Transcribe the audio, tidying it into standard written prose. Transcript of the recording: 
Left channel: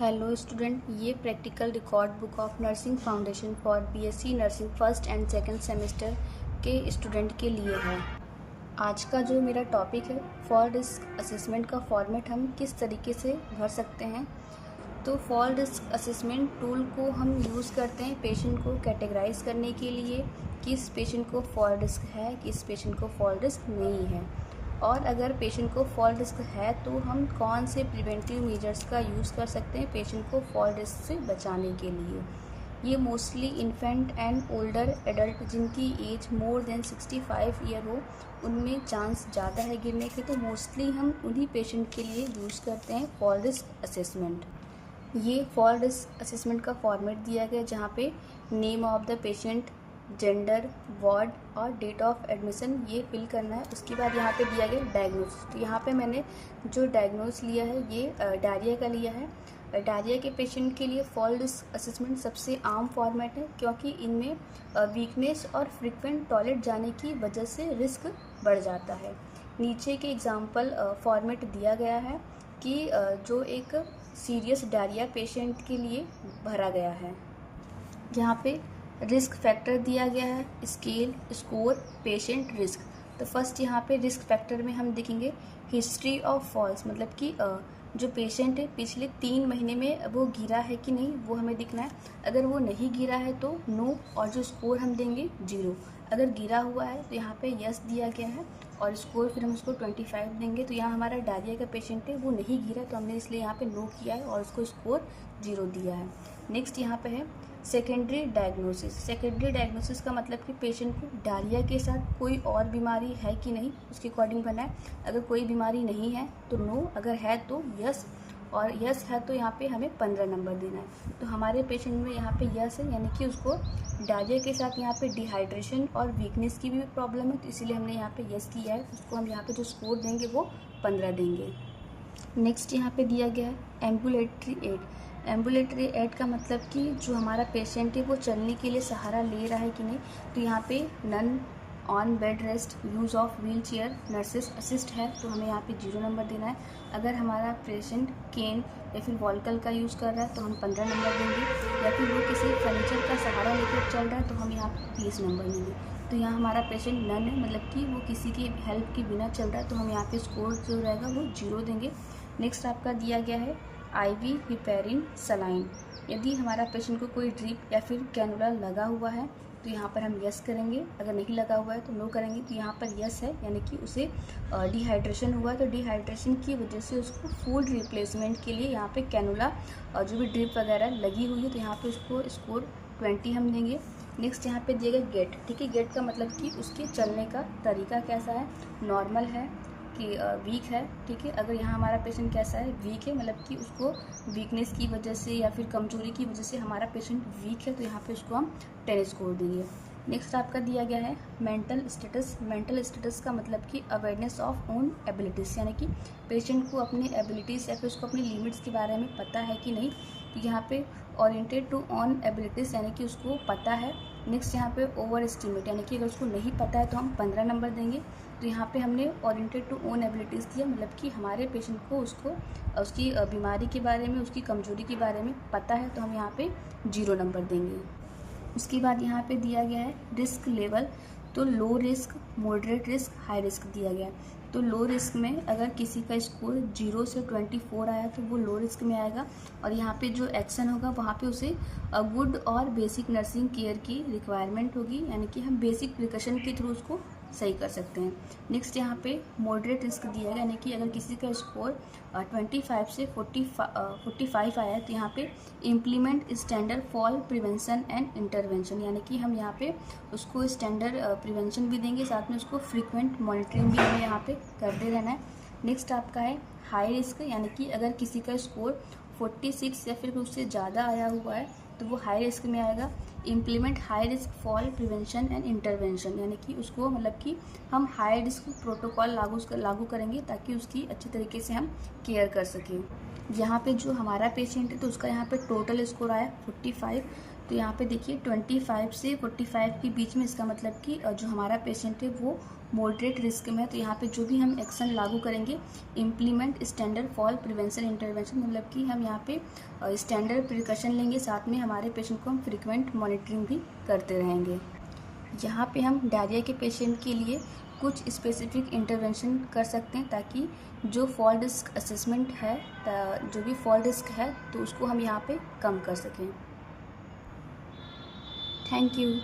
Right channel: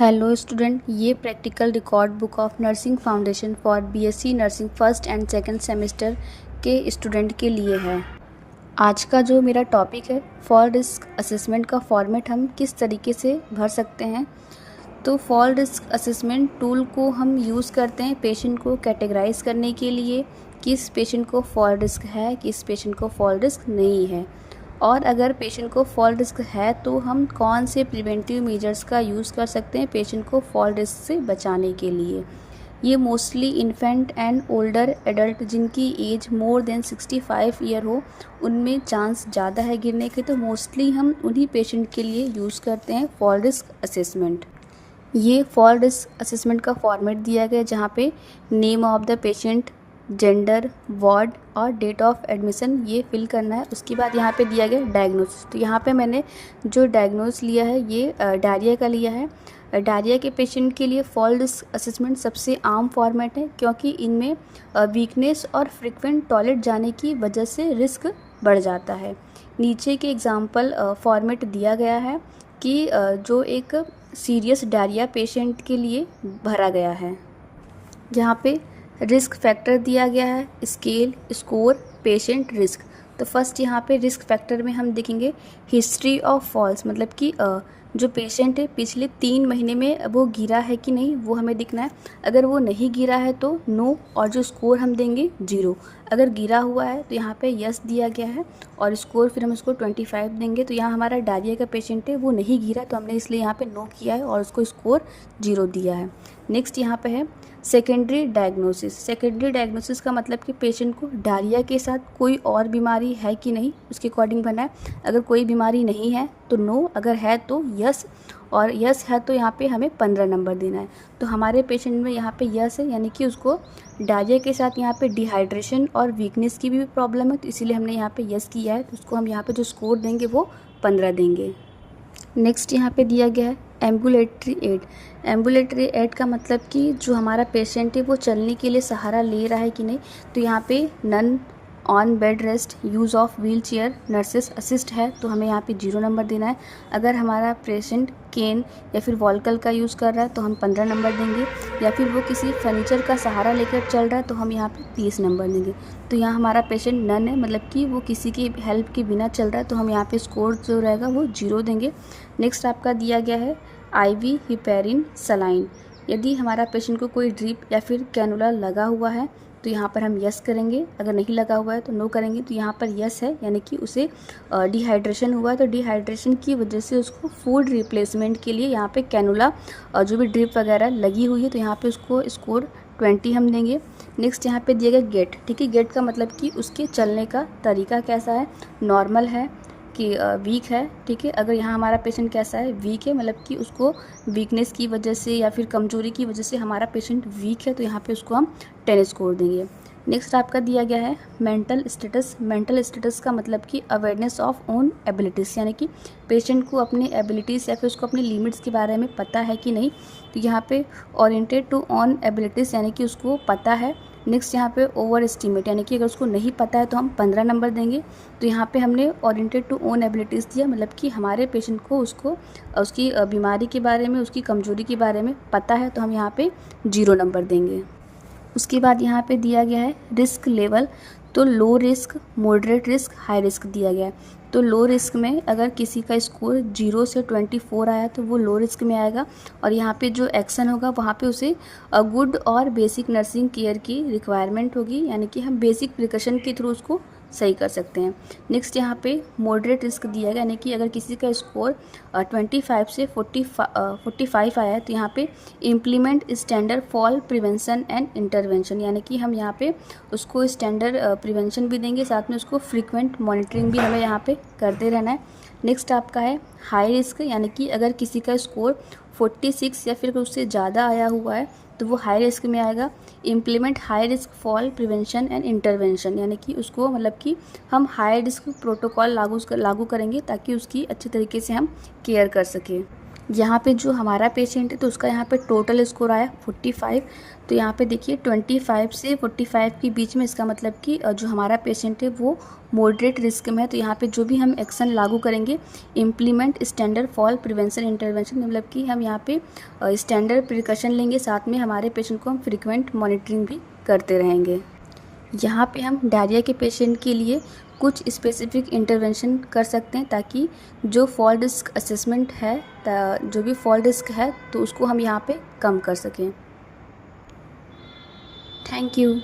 Hello student, ये practical record book of nursing foundation for BSc nursing first and second semester के student के लिए है। आज का जो मेरा टॉपिक है, फॉल रिस्क असेसमेंट का फॉर्मेट हम किस तरीके से भर सकते हैं। तो फॉल रिस्क असेसमेंट टूल को हम यूज़ करते हैं पेशेंट को कैटेगराइज करने के लिए, किस पेशेंट को फॉल रिस्क है, किस पेशेंट को फॉल रिस्क नहीं है, और अगर पेशेंट को फॉल रिस्क है तो हम कौन से प्रिवेंटिव मेजर्स का यूज़ कर सकते हैं पेशेंट को फॉल रिस्क से बचाने के लिए। ये mostly infant and older adult जिनकी एज मोर देन 65 ईयर हो, उनमें चांस ज़्यादा है गिरने के, तो मोस्टली हम उन्हीं पेशेंट के लिए यूज़ करते हैं फॉल रिस्क असेसमेंट। ये फॉल रिस्क असेसमेंट का फॉर्मेट दिया गया जहाँ पे name of the patient, gender, ward और डेट ऑफ एडमिशन ये फिल करना है। उसके बाद यहाँ पे दिया गया डायग्नोसिस। तो यहाँ पे मैंने जो डायग्नोस लिया है ये डायरिया का लिया है। डायरिया के पेशेंट के लिए फॉल रिस्क असेसमेंट सबसे आम फॉर्मेट है, क्योंकि इनमें वीकनेस और फ्रिक्वेंट टॉयलेट जाने की वजह से रिस्क बढ़ जाता है। नीचे के एग्जाम्पल फॉर्मेट दिया गया है कि जो एक सीरियस डायरिया पेशेंट के लिए भरा गया है। यहाँ पे रिस्क फैक्टर दिया गया है, स्केल, स्कोर, पेशेंट, रिस्क। तो फर्स्ट यहाँ पे रिस्क फैक्टर में हम देखेंगे हिस्ट्री ऑफ फॉल्स, मतलब कि जो पेशेंट है पिछले 3 महीने में वो गिरा है कि नहीं वो हमें दिखना है। अगर वो नहीं गिरा है तो नो, और जो स्कोर हम देंगे 0। अगर गिरा हुआ है तो यहाँ पे यस दिया गया है और स्कोर फिर हम उसको 25 देंगे। तो यहाँ हमारा डायरिया का पेशेंट है, वो नहीं गिरा तो हमने इसलिए यहाँ पे नो किया है और उसको स्कोर 0 दिया है। नेक्स्ट यहाँ पे है सेकेंडरी डायग्नोसिस। सेकेंडरी डायग्नोसिस का मतलब कि पेशेंट को डायरिया के साथ कोई और बीमारी है कि नहीं उसके अकॉर्डिंग बना है। अगर कोई बीमारी नहीं है तो नो, अगर है तो यस, और यस है तो यहाँ पे हमें 15 नंबर देना है। तो हमारे पेशेंट में यहाँ पे यस है, यानी कि उसको डायरिया के साथ यहाँ पे डिहाइड्रेशन और वीकनेस की भी प्रॉब्लम है, तो इसीलिए हमने यहाँ पे यस किया है। तो उसको हम यहाँ पे जो स्कोर देंगे वो 15 देंगे। नेक्स्ट यहाँ पे दिया गया है एम्बुलेटरी एड। एम्बुलेटरी एड का मतलब कि जो हमारा पेशेंट है वो चलने के लिए सहारा ले रहा है कि नहीं। तो यहाँ पे none, on bed rest, use of wheelchair, nurses assist है तो हमें यहाँ पे 0 नंबर देना है। अगर हमारा पेशेंट केन या फिर वॉल्कल का यूज़ कर रहा है तो हम 15 नंबर देंगे, या फिर वो किसी फर्नीचर का सहारा लेकर चल रहा है तो हम यहाँ पे 30 नंबर देंगे। तो यहाँ हमारा पेशेंट नन है, मतलब कि वो किसी की हेल्प के बिना चल रहा है, तो हम यहाँ पे स्कोर जो रहेगा वो 0 देंगे। नेक्स्ट आपका दिया गया है IV हिपेरिन सलाइन। यदि हमारा पेशेंट को कोई ड्रिप या फिर कैनुला लगा हुआ है तो यहाँ पर हम यस करेंगे, अगर नहीं लगा हुआ है तो नो करेंगे। तो यहाँ पर यस है, यानी कि उसे डिहाइड्रेशन हुआ है, तो डिहाइड्रेशन की वजह से उसको फूड रिप्लेसमेंट के लिए यहाँ पे कैनुला जो भी ड्रिप वगैरह लगी हुई है तो यहाँ पे उसको स्कोर 20 हम देंगे। नेक्स्ट यहाँ पे दिया गया गेट। ठीक है, गेट का मतलब कि उसके चलने का तरीका कैसा है, नॉर्मल है कि वीक है। ठीक है, अगर यहाँ हमारा पेशेंट कैसा है, वीक है, मतलब कि उसको वीकनेस की वजह से या फिर कमजोरी की वजह से हमारा पेशेंट वीक है, तो यहाँ पे उसको हम 10 स्कोर देंगे। नेक्स्ट आपका दिया गया है मेंटल स्टेटस। मेंटल स्टेटस का मतलब कि अवेयरनेस ऑफ ओन एबिलिटीज़, यानी कि पेशेंट को अपनी एबिलिटीज़ या फिर उसको अपनी लिमिट्स के बारे में पता है कि नहीं। तो यहाँ पे ओरिएंटेड टू ऑन एबिलिटीज़, यानी कि उसको पता है। नेक्स्ट यहाँ पे ओवर एस्टिमेट, यानी कि अगर उसको नहीं पता है तो हम 15 नंबर देंगे। तो यहाँ पे हमने ओरिएंटेड टू ओन एबिलिटीज़ दिया, मतलब कि हमारे पेशेंट को उसको उसकी बीमारी के बारे में, उसकी कमजोरी के बारे में पता है, तो हम यहाँ पे 0 नंबर देंगे। उसके बाद यहाँ पे दिया गया है रिस्क लेवल। तो low risk, moderate risk, high risk दिया गया है। तो लो रिस्क में अगर किसी का स्कोर 0 से 24 आया तो वो लो रिस्क में आएगा, और यहाँ पे जो एक्शन होगा वहाँ पे उसे गुड और बेसिक नर्सिंग केयर की रिक्वायरमेंट होगी, यानी कि हम बेसिक प्रिकॉशन के थ्रू उसको सही कर सकते हैं। नेक्स्ट यहाँ पे मॉडरेट रिस्क दिया गया, यानी कि अगर किसी का स्कोर 25 से 45 आया है तो यहाँ पे implement standard fall prevention and intervention, यानी कि हम यहाँ पे उसको स्टैंडर्ड प्रिवेंशन भी देंगे, साथ में उसको फ्रीक्वेंट मॉनिटरिंग भी हमें यहाँ पे करते रहना है। नेक्स्ट आपका है हाई रिस्क, यानी कि अगर किसी का स्कोर 46 या फिर उससे ज़्यादा आया हुआ है तो वो हाई रिस्क में आएगा। Implement high risk fall prevention and intervention, यानी कि उसको मतलब कि हम हाई रिस्क प्रोटोकॉल लागू करेंगे ताकि उसकी अच्छे तरीके से हम केयर कर सकें। यहाँ पे जो हमारा पेशेंट है तो उसका यहाँ पे टोटल स्कोर आया 45। तो यहाँ पे देखिए 25 से 45 के बीच में, इसका मतलब कि जो हमारा पेशेंट है वो मॉडरेट रिस्क में है। तो यहाँ पे जो भी हम एक्शन लागू करेंगे, implement standard fall prevention intervention, मतलब कि हम यहाँ पे स्टैंडर्ड प्रिकॉशन लेंगे, साथ में हमारे पेशेंट को हम फ्रिक्वेंट मॉनिटरिंग भी करते रहेंगे। यहाँ पे हम डायरिया के पेशेंट के लिए कुछ स्पेसिफिक इंटरवेंशन कर सकते हैं, ताकि जो फॉल रिस्क असेसमेंट है, जो भी फॉल रिस्क है तो उसको हम यहाँ पे कम कर सकें। Thank you.